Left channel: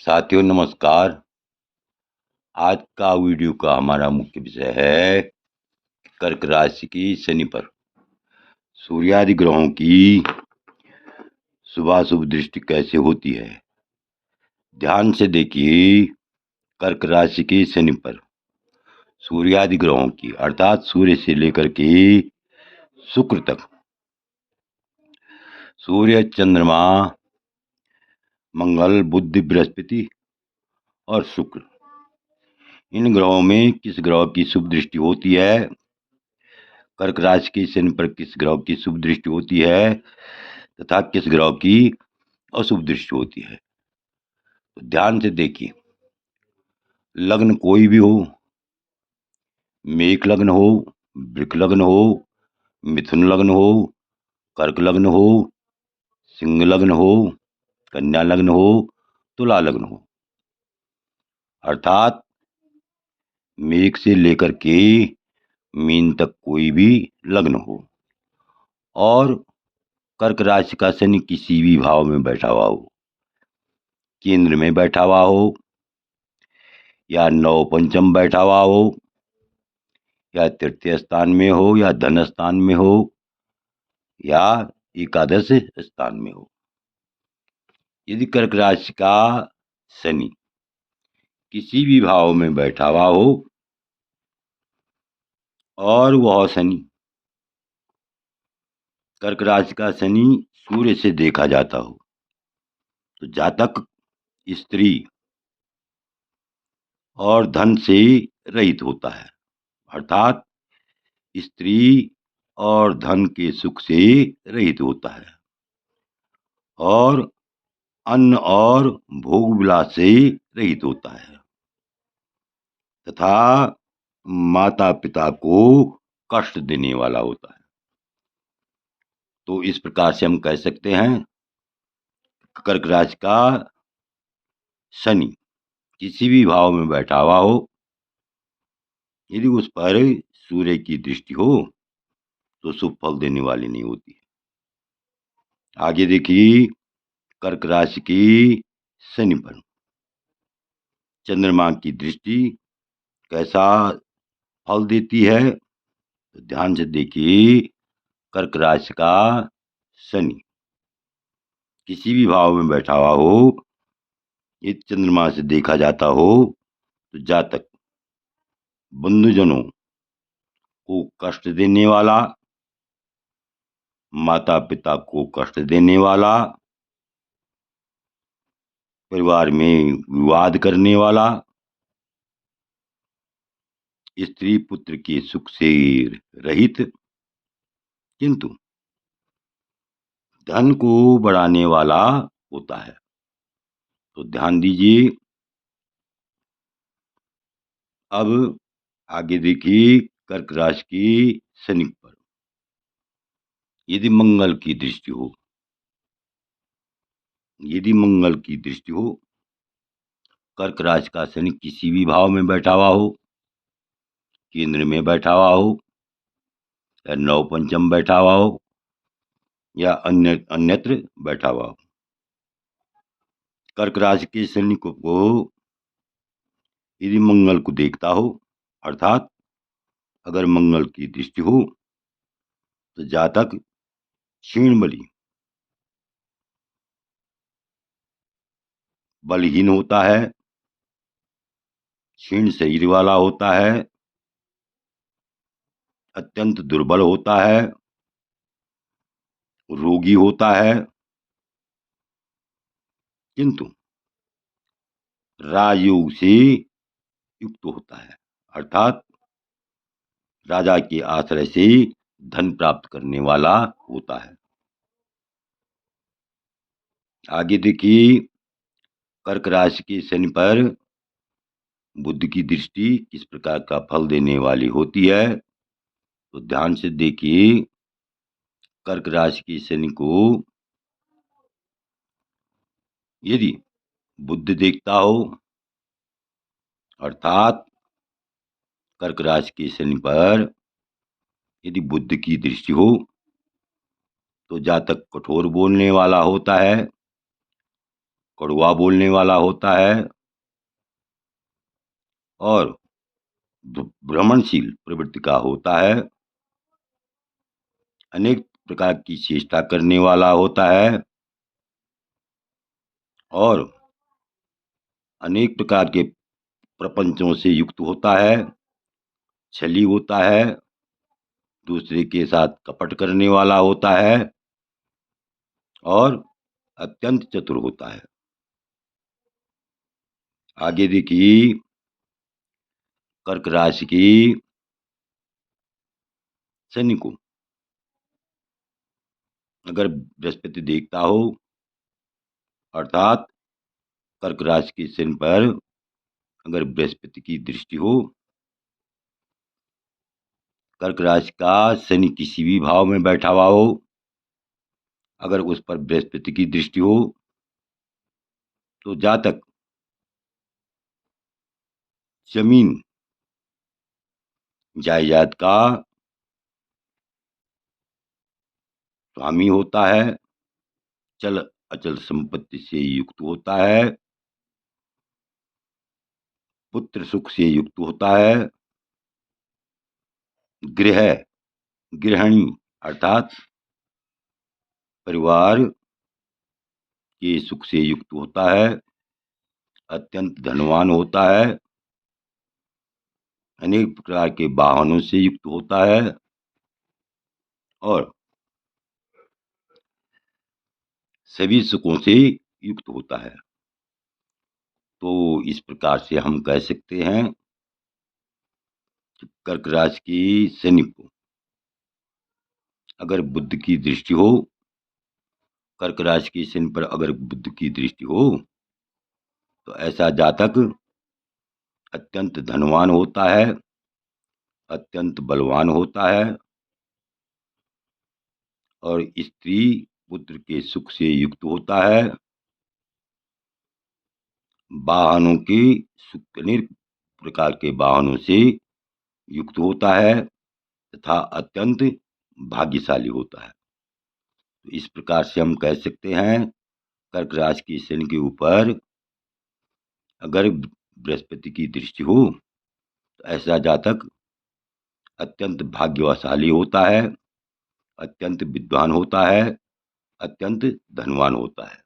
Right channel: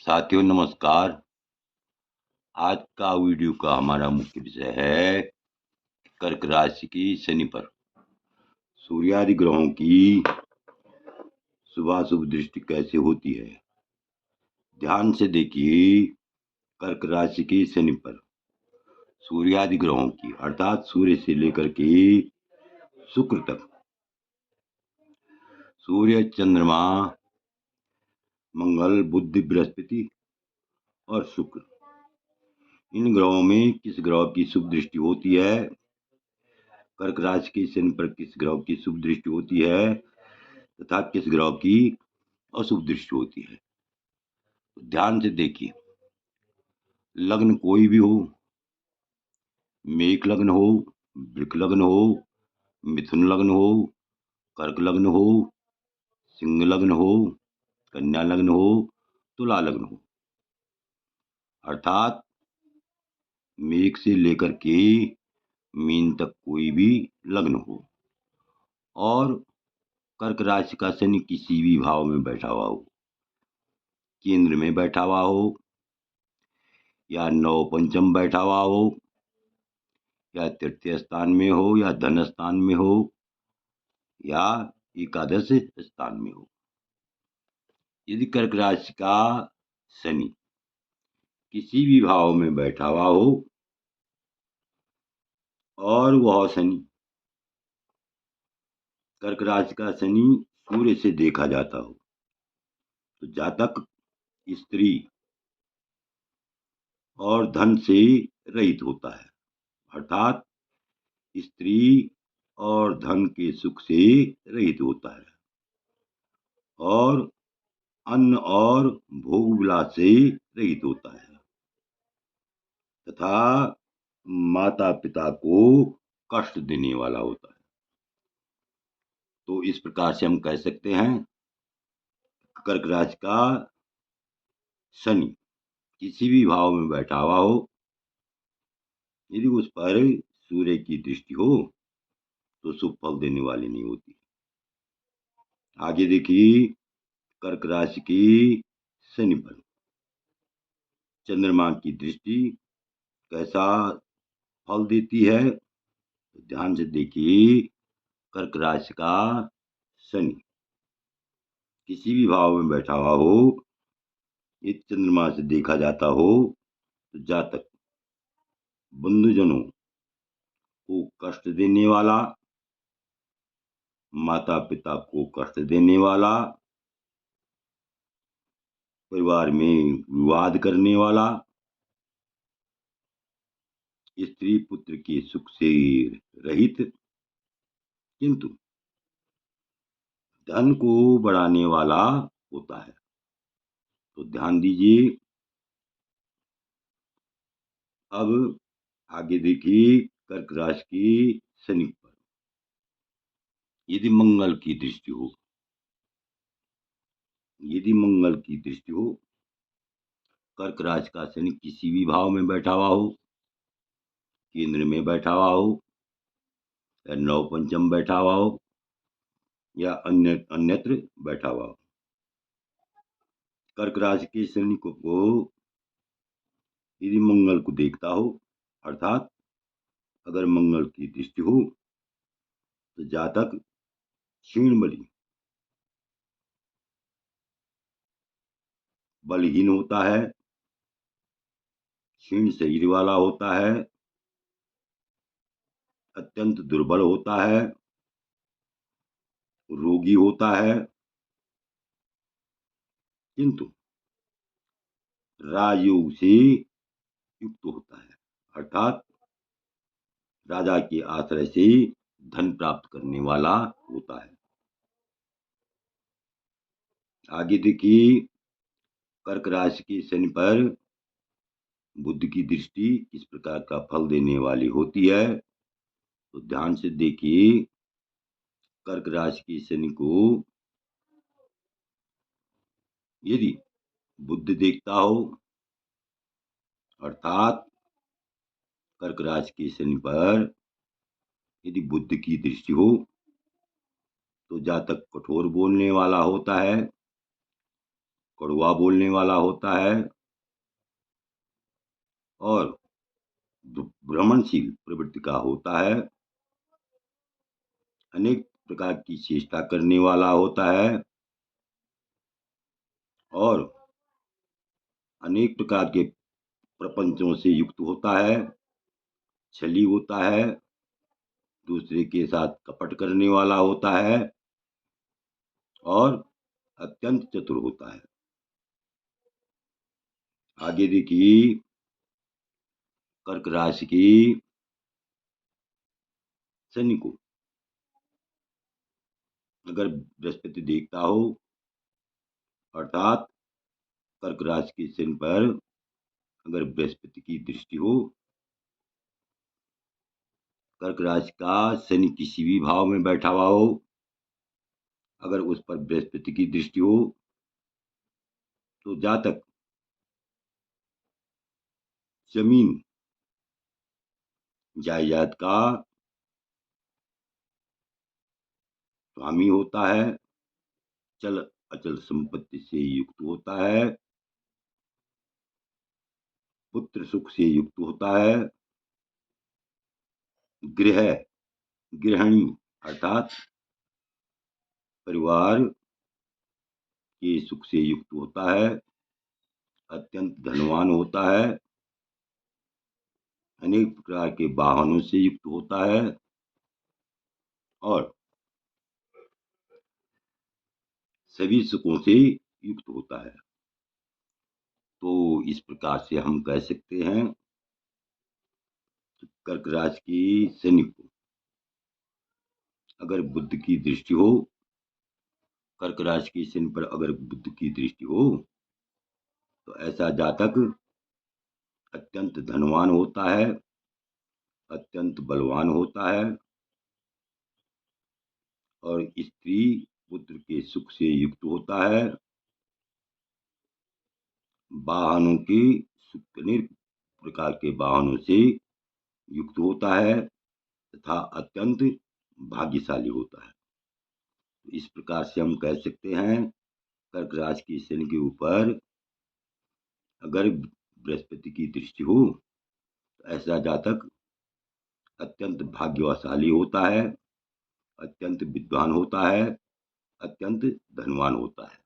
साथियों नमस्कार। आज का वीडियो का हमारा मुख्य विषय है कर्क राशि की शनि पर सूर्यादि ग्रहों की शुभाशुभ दृष्टि कैसे होती है। ध्यान से देखिए। कर्क राशि की शनि पर सूर्यादि ग्रहों की अर्थात सूर्य से लेकर के शुक्र तक, सूर्य, चंद्रमा, मंगल, बुध, बृहस्पति और शुक्र, इन ग्रहों में किस ग्रह की शुभ दृष्टि होती है, कर्क राशि के शनि पर किस ग्रह की शुभ दृष्टि होती है तथा किस ग्रह की अशुभ दृष्टि होती है। तो ध्यान से देखिए। लग्न कोई भी हो, मेष लग्न हो, वृक लग्न हो, मिथुन लग्न हो, कर्क लग्न हो, सिंह लग्न हो, कन्या लग्न हो, तुला लग्न हो, अर्थात मेष से लेकर के मीन तक कोई भी लग्न हो और कर्क राशि का शनि किसी भी भाव में बैठा हुआ हो, केंद्र में बैठा हुआ हो या नव पंचम बैठा हुआ हो या तृतीय स्थान में हो या धन स्थान में हो या एकादश स्थान में हो। यदि कर्क राशि का शनि किसी भी भाव में बैठा हुआ हो और वह शनि, कर्क राशि का शनि सूर्य से देखा जाता हो, तो जातक स्त्री और धन से रहित होता है, अर्थात स्त्री और धन के सुख से रहित होता है और अन्न और भोग विलास से रहित होता है तथा माता पिता को कष्ट देने वाला होता है। तो इस प्रकार से हम कह सकते हैं कर्क राशि का शनि किसी भी भाव में बैठा हुआ हो, यदि उस पर सूर्य की दृष्टि हो तो शुभ फल देने वाली नहीं होती। आगे देखिए। कर्क राशि की शनि पर चंद्रमा की दृष्टि कैसा फल देती है, तो ध्यान से देखिए। कर्क राशि का शनि किसी भी भाव में बैठा हुआ हो, यदि चंद्रमा से देखा जाता हो तो जातक बंधुजनों को कष्ट देने वाला, माता पिता को कष्ट देने वाला, परिवार में विवाद करने वाला, स्त्री पुत्र के सुख से रहित, किंतु धन को बढ़ाने वाला होता है। तो ध्यान दीजिए। अब आगे देखिए। कर्क राशि की शनि पर यदि मंगल की दृष्टि हो, यदि मंगल की दृष्टि हो, कर्क राशि का शनि किसी भी भाव में बैठा हुआ हो, केंद्र में बैठा हुआ हो या नव पंचम बैठा हुआ हो या अन्यत्र बैठा हुआ हो, कर्क राशि के शनि को यदि मंगल को देखता हो, अर्थात अगर मंगल की दृष्टि हो, तो जातक क्षीण बली, बलहीन होता है, क्षीण शरीर वाला होता है, अत्यंत दुर्बल होता है, रोगी होता है, किंतु राजयोग से युक्त होता है, अर्थात राजा के आश्रय से धन प्राप्त करने वाला होता है। आगे देखिए। कर्क राशि के शनि पर बुध की दृष्टि किस प्रकार का फल देने वाली होती है, तो ध्यान से देखिए। कर्क राशि की शनि को यदि बुध देखता हो, अर्थात कर्क राशि की शनि पर यदि बुध की दृष्टि हो, तो जातक कठोर बोलने वाला होता है, कड़वा बोलने वाला होता है और भ्रमणशील प्रवृत्ति का होता है, अनेक प्रकार की चेष्टा करने वाला होता है और अनेक प्रकार के प्रपंचों से युक्त होता है, छली होता है, दूसरे के साथ कपट करने वाला होता है और अत्यंत चतुर होता है। आगे देखिए, कर्क राशि की शनि को अगर बृहस्पति देखता हो, अर्थात कर्क राशि के शनि पर अगर बृहस्पति की दृष्टि हो, कर्क राशि का शनि किसी भी भाव में बैठा हुआ हो, अगर उस पर बृहस्पति की दृष्टि हो तो जातक जमीन जायदाद का स्वामी होता है, चल अचल संपत्ति से युक्त होता है, पुत्र सुख से युक्त होता है, गृहिणी अर्थात परिवार के सुख से युक्त होता है, अत्यंत धनवान होता है, अनेक प्रकार के वाहनों से युक्त होता है और सभी सुखों से युक्त होता है। तो इस प्रकार से हम कह सकते हैं कि कर्क राशि की शनि को अगर बुध की दृष्टि हो, कर्क राशि की शनि पर अगर बुध की दृष्टि हो तो ऐसा जातक अत्यंत धनवान होता है, अत्यंत बलवान होता है और स्त्री पुत्र के सुख से युक्त होता है, वाहनों की अनेक प्रकार के वाहनों से युक्त होता है तथा अत्यंत भाग्यशाली होता है। तो इस प्रकार से हम कह सकते हैं कर्क राशि की शनि के ऊपर अगर बृहस्पति की दृष्टि हो तो ऐसा जातक अत्यंत भाग्यशाली होता है, अत्यंत विद्वान होता है, अत्यंत धनवान होता है।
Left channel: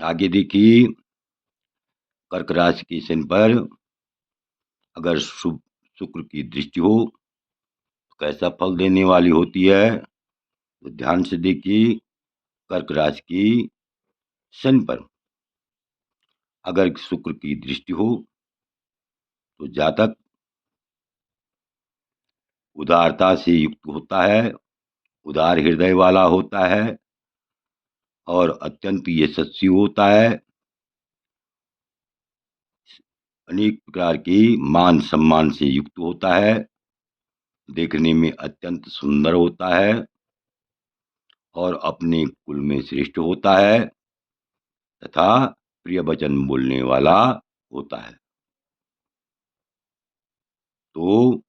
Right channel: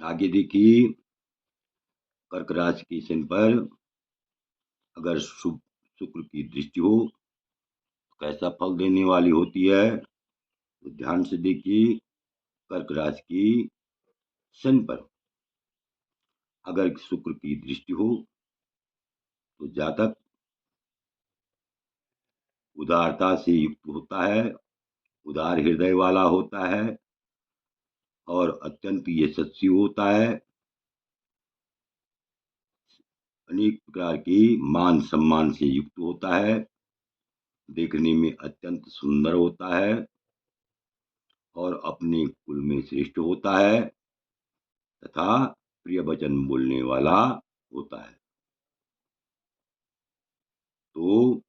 आगे देखिए, कर्क राशि की शनि पर अगर शुभ शुक्र की दृष्टि हो तो कैसा फल देने वाली होती है, तो ध्यान से देखिए, कर्क राशि की शनि पर अगर शुक्र की दृष्टि हो तो जातक उदारता से युक्त होता है, उदार हृदय वाला होता है और अत्यंत यशस्वी होता है, अनेक प्रकार की मान सम्मान से युक्त होता है, देखने में अत्यंत सुंदर होता है और अपने कुल में श्रेष्ठ होता है तथा प्रिय वचन बोलने वाला होता है। तो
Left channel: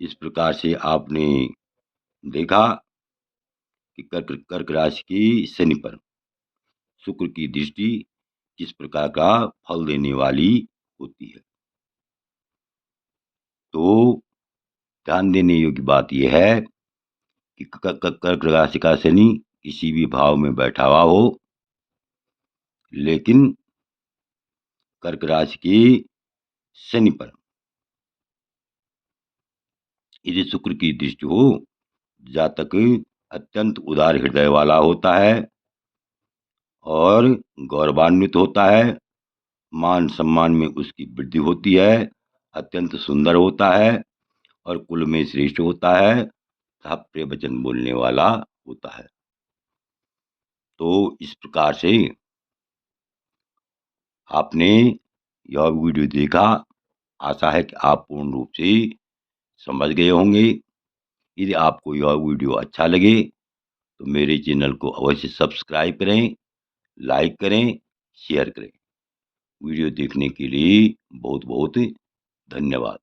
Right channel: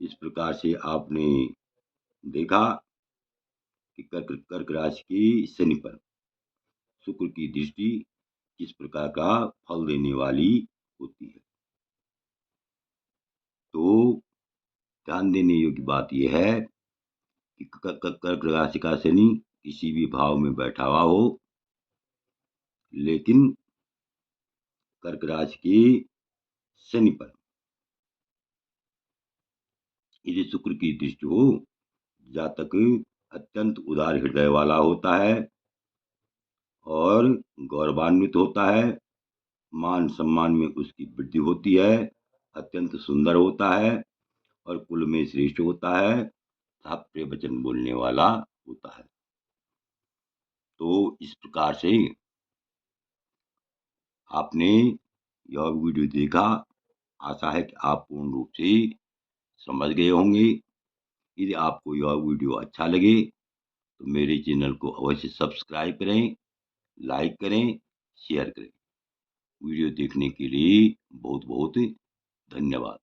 इस प्रकार से आपने देखा कि कर्क राशि की शनि पर शुक्र की दृष्टि किस प्रकार का फल देने वाली होती है। तो ध्यान देने योग्य बात यह है कि कर्क राशि का शनि किसी भी भाव में बैठा हुआ हो, लेकिन कर्क राशि की शनि पर यदि शुक्र की दृष्टि हो, जातक अत्यंत उदार हृदय वाला होता है और गौरवान्वित होता है, मान सम्मान में उसकी वृद्धि होती है, अत्यंत सुंदर होता है और कुल में श्रेष्ठ होता है तथा प्रिय वचन बोलने वाला होता है। तो इस प्रकार से आपने यह वीडियो देखा, आशा है कि आप पूर्ण रूप से समझ गए होंगे। यदि आपको यह वीडियो अच्छा लगे तो मेरे चैनल को अवश्य सब्सक्राइब करें, लाइक करें, शेयर करें। वीडियो देखने के लिए बहुत बहुत धन्यवाद।